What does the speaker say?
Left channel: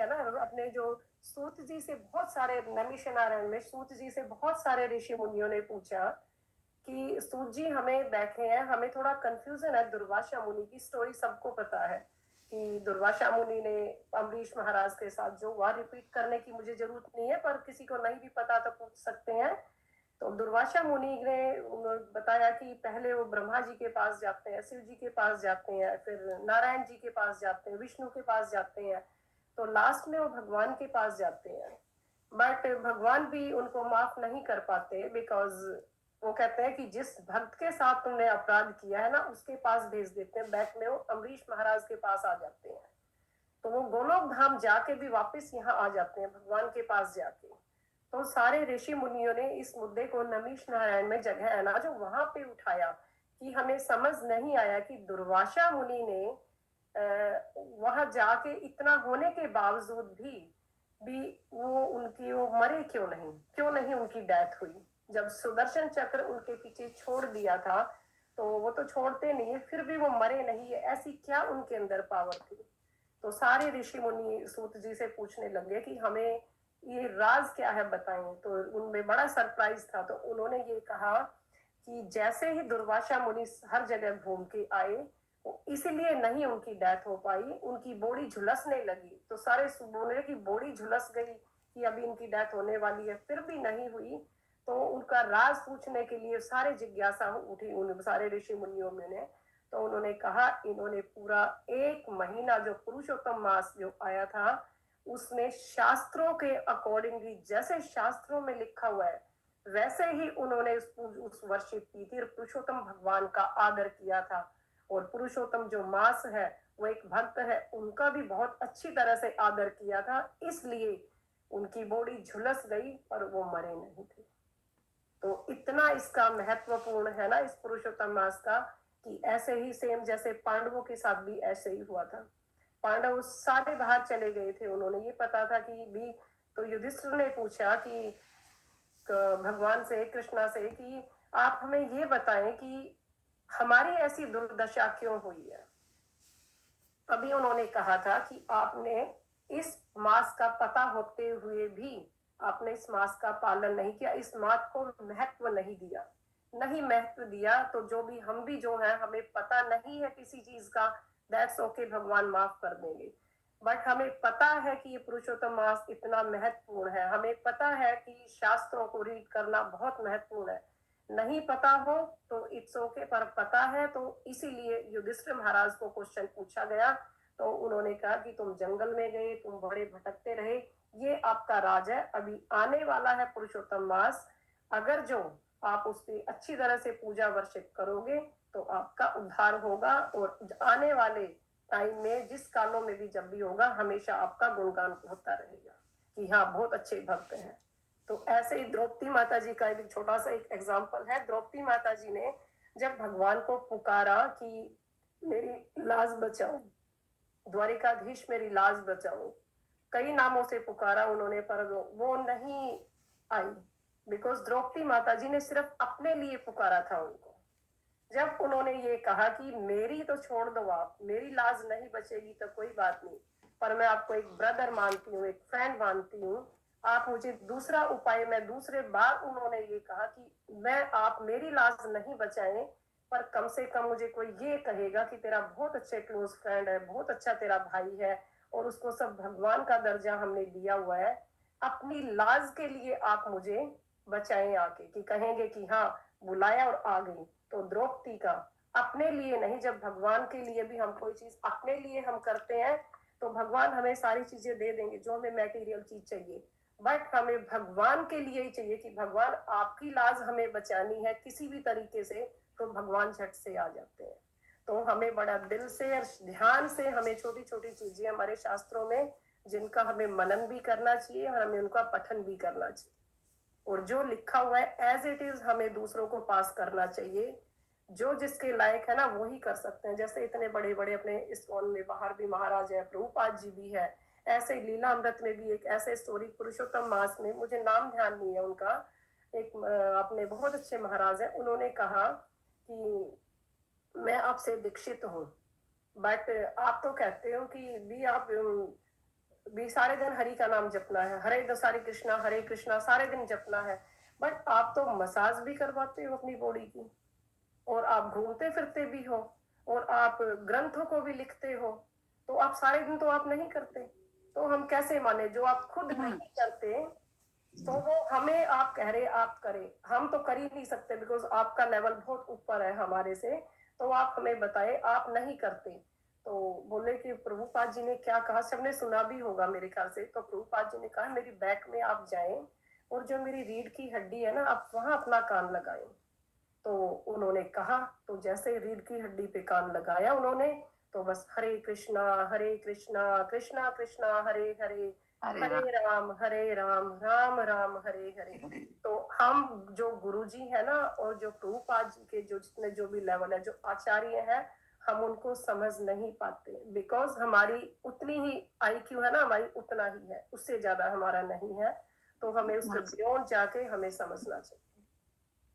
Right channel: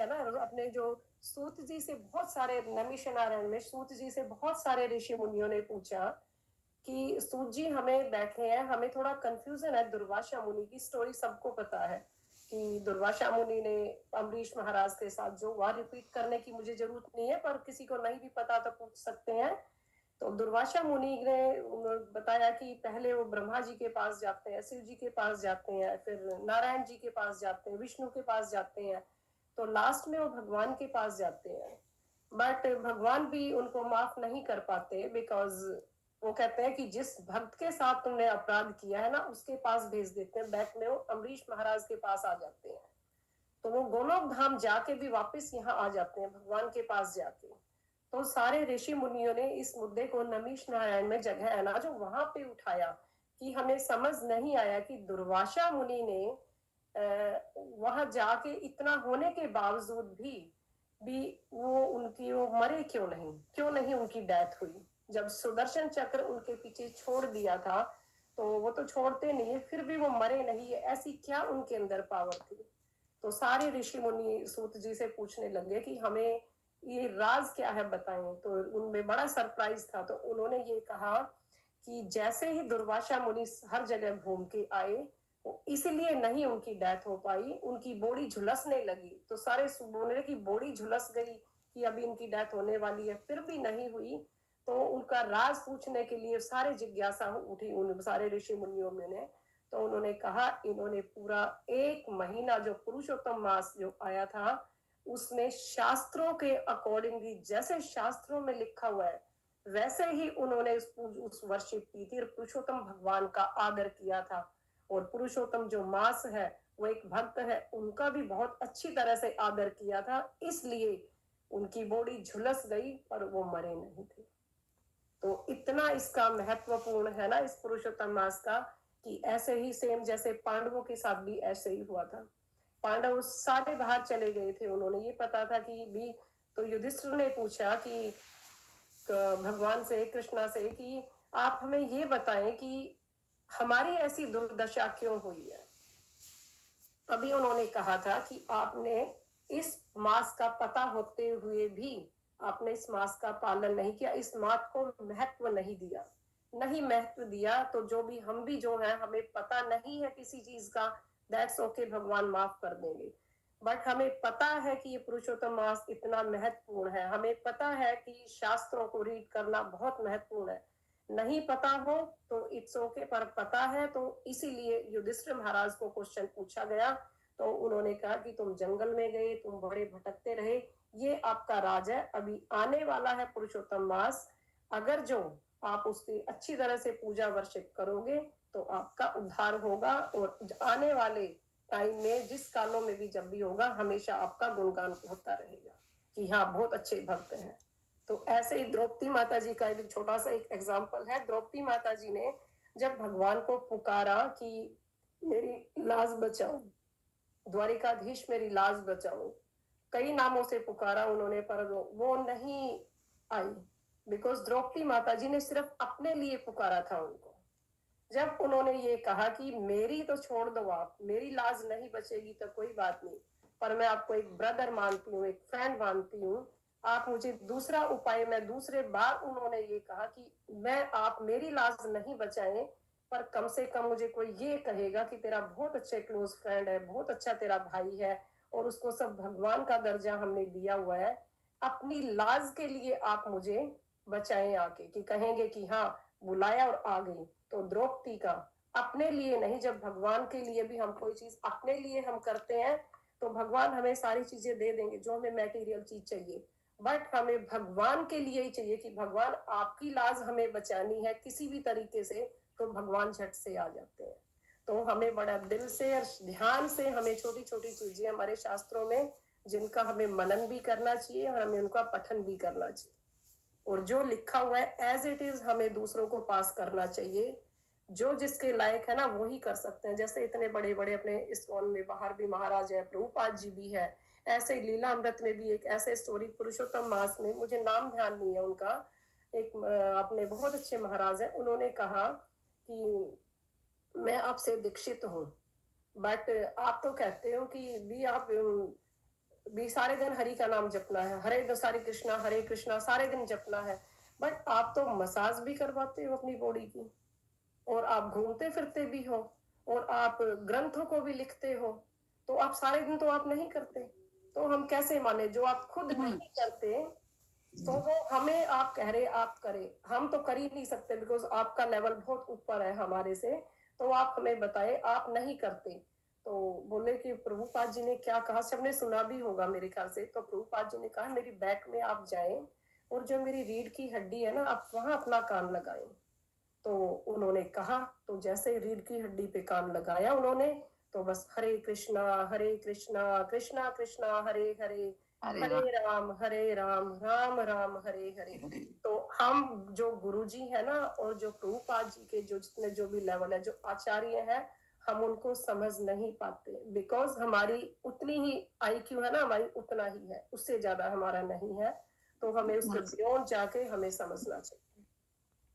है ना, अपने जो सूत जी से बहुत सारे, नमीशनारायण में सूत जी से बहुत सारे ऋषि मुनियों ने पूछा कि सूत जी हमें बैठे हैं, हमें थोड़ा कंफ्यूजन है, दुर्वासा मुनि की स्टोरी सबको पता है कि दुर्वासा मुनि ने अम्बरीश महाराज के साथ जो हुआ, रिपीट करने की मुझे जरूरत नहीं है, पर किसी को नहीं भी पता तो पूछ सकते हैं। तो दुर्वासा मुनि ने बताया कि पहले वो ब्रह्मा जी के पास जाते हैं, शिव जी के पास जाते हैं, फिर नारायण जी के पास जाते हैं, विष्णु के पास जाते हैं, तो लास्ट में वो भगवान के पास जाते हैं। बट भगवान भी उनको माफ नहीं कर पाते, बिकॉज वो कहते हैं कि जिस भक्त के साथ तुमने अपराध किया है ना, उसके पास भेज देते हैं, बैक में वो अम्बरीश महाराज के पास आ जाते हैं। तो वो गोलोक धाम जाके भी वापस यहाँ आ जाते हैं, भगवान के पास जाके। तो सारे ऋषि मुनियों ने इस मुद्दे को नमीश नारायण में जगह है ना जो वहां पे उठाया, कि हमें समझ नहीं आया कि दुर्वासा मुनि ने वहां जाके इतना होने के बावजूद भी वो उनकी वो मरे क्यों नहीं उनकी डेथ हुई। जब सुदर्शन चक्र उनके पीछे छोड़ दिया था, तो वो तो छोड़ते नहीं है, फिर भी वो मरे नहीं है, ऐसी क्या उनके अंदर पावर थी। तो सारे ऋषि मुनि सूत जी से पूछने लगे कि हमें ये राज क्या है बताएं। तो उनमें बड़ा सरप्राइज था, तो उन्होंने ये कहा कि जैसे ही दुर्वासा मुनि हर जगह घूम के आए, इसीलिए नहीं उनकी डेथ हो पाई, उनकी बॉडी झुलसने लगी, तो सारे बोले कि बॉडी झुलस गई कि अभी इनकी डेथ होने वाली है, फिर भी नहीं हुई। तो उनका राज पूछने के लिए सारे जिज्ञासा उठी उन सारे ऋषि मुनियों में ने। तो उन्होंने कहा, इन्होंने पूरा 1 महीना जो पुरुषोत्तम मास जो आया था, उसमें शास्त्रों के अकॉर्डिंगली, जैसे शास्त्रों में लिखा हुआ है वैसे ही उन्होंने उस वर्षिप की थी, पुरुषोत्तम भगवान का आदर किया था। और पुरुषोत्तम जो मास है, वो एक भक्त है, उनका भी बहुत अच्छी तरह से आदर किया था, इसलिए उनकी बॉडी झुलस गई पर वो मरे नहीं थे। तो इतना इसका महत्वपूर्ण है ना इस पुरुषोत्तम मास का, कि ऐसे ही सेम जैसे पांडवों के साथ भी ऐसे ही हुआ था। पांडव सारे बाहर चले गए थे, उन्होंने ये पता था कि भी, तो युधिष्ठिर ने पूछा कि भगवान से, कृष्णा से, कि आप हमें ये बताएं कि हमारी ऐसी दुर्दशा क्यों हुई है। तभी उन्होंने कहा था कि आपने इस मास का पता होते हुए भी आपने इस मास का पालन नहीं किया, इस मास को महत्व नहीं दिया, नहीं महत्व दिया, तो जो भी हम भी जो है, हमें पता नहीं है किसी चीज का, दैट्स ओके, भगवान माफ कर देंगे। बट हमें पता है कि ये पुरुषोत्तम मास इतना महत्वपूर्ण है, हमें पता है कि शास्त्रों को रीड करना बहुत महत्वपूर्ण है। नहीं पता हो तो इट्स ओके, पर पता है, तो इसीलिए युधिष्ठिर महाराज को क्वेश्चन पूछा गया। तो उन्होंने कहा कि तुम जंगल में गए, तुम बड़े भटकते रहे, ये आपका राज है, अभी आने वाला है पुरुषोत्तम मास, अगर जो आप उसकी अच्छी तरह से पूजा वर्शिप करोगे तो आपका उद्धार होगा, और आने वाले टाइम में जिस कालों में भी जब भी होगा, हमेशा आपका गुणगान होता रहेगा कि हाँ बहुत अच्छे भक्त हैं। तो ऐसे ही द्रौपदी माता जी का एक छोटा सा एक एग्जाम्पल है। द्रौपदी माता जी ने जब भगवान को पुकारा कि मेरी लाज बचाओ, द्वारिकाधीश मेरी लाज बचाओ, कई नामों से पुकारा उन्होंने, पर वो नहीं आई, बिकॉज द्रौपदी माता जी ने सिर्फ अपने लिए पुकारा था उनको। जब उन्होंने ये कहा कि मेरी तो छोड़ दो, आप मेरी लाज नहीं बचेगी तो कोई बात नहीं, पर मैं आपको एक ब्रदर मानती हूँ, एक फ्रेंड मानती हूँ, आप मुझे दूसरा उपाय, मैं दूसरे बार उन्होंने ये कहा कि मैं, आप मेरी लाज नहीं बचाएं, पर कम से कम मुझे कोई ये कहेगा कि तेरा बहुत अच्छे क्लोज फ्रेंड है, बहुत अच्छा तेरा भाई है, और उसको सब भगवान का दर्जा हमने दिया हुआ है, अपनी लाज के लिए आप मुझे बचाएं आके, कि कहेंगे कि हाँ बुलाया और आ गई। तो द्रौपदी का अपने लिए नहीं, जब भगवान के लिए भी हम कोई चीज अपने लिए हम करते हैं, तो भगवान हमें सारी चीजें दे देंगे जो हमें मटेरियल चीज चाहिए, बट हमें भगवान के लिए ही चाहिए कि भगवान आपकी लाज हमें बचानी है किसी भी तरीके से, तो भगवान झट से आ जाते हैं। तो हमें बड़ा दिल से और ध्यान से, हमें छोटी छोटी चीजें हमारे शास्त्रों में जिनका हमें मनन भी करना चाहिए और हमें उनका पठन भी करना चाहिए, और जो लिखा हुआ है एज इट इज हमें दूसरों को पास करना चाहिए। जो जिसके लायक है ना वो ही कर सकते हैं। जैसे इतने बड़े बड़े अपने इस्कॉन में बाहर भी महाराज है, प्रभुपाद जी भी है, ऐसे ही लीला अमृत में भी एक ऐसे स्टोरी, पुरुषोत्तम मास में, मुझे नाम ध्यान नहीं है उनका, एक अपने बहुत अच्छे महाराज है, उन्होंने कहा कि मैं आपसे दीक्षित हूँ, बट आप तो कहते हो कि भी आप भी सारे दिन हरि का नाम जपना है, हरे कृष्णा सारे दिन जपना है, बट आप तो मसाज भी करवाते हो अपनी बॉडी की, और आप घूमते फिरते भी हो, और आप ग्रंथों को भी लिखते हो, तो आप सारे दिन तो आप नहीं करते, तो हम कैसे माने जो आप खुद नहीं करते। तो वो हमें आप कह रहे आप करें, हम तो कर ही नहीं सकते बिकॉज आपका लेवल बहुत ऊपर है हमारे से, तो आप हमें बताए आप नहीं करते। तो बोले कि प्रभुपाद जी ने क्या कहा, सबने सुना भी होगा मेरे ख्याल से, तो प्रभुपाद जी ने कहा मेरी बैक में आप जाएं और जो मेरी रीढ़ की हड्डी है ना आप वहां अपना कान लगाएं। तो उन्होंने कहा, तो जैसे रीढ़ की हड्डी पे कान लगाया उन्होंने, तो बस हरे कृष्णा कृष्णा कृष्णा हरे हरे, हरे राम राम हरे हरे। तो हम जो गुरुजी है ना, और जो प्रभुपाद जी के जो जितने जो भी लेवल है, जो आचार्य है, हम उनको समझ नहीं पाते बिकॉज हमारी उतनी ही आईक्यू है ना, हमारी उतना ही है, उससे ज्यादा हमारा नहीं है, तो हमें उसके बियॉन्ड जाके हमें समझना चाहिए।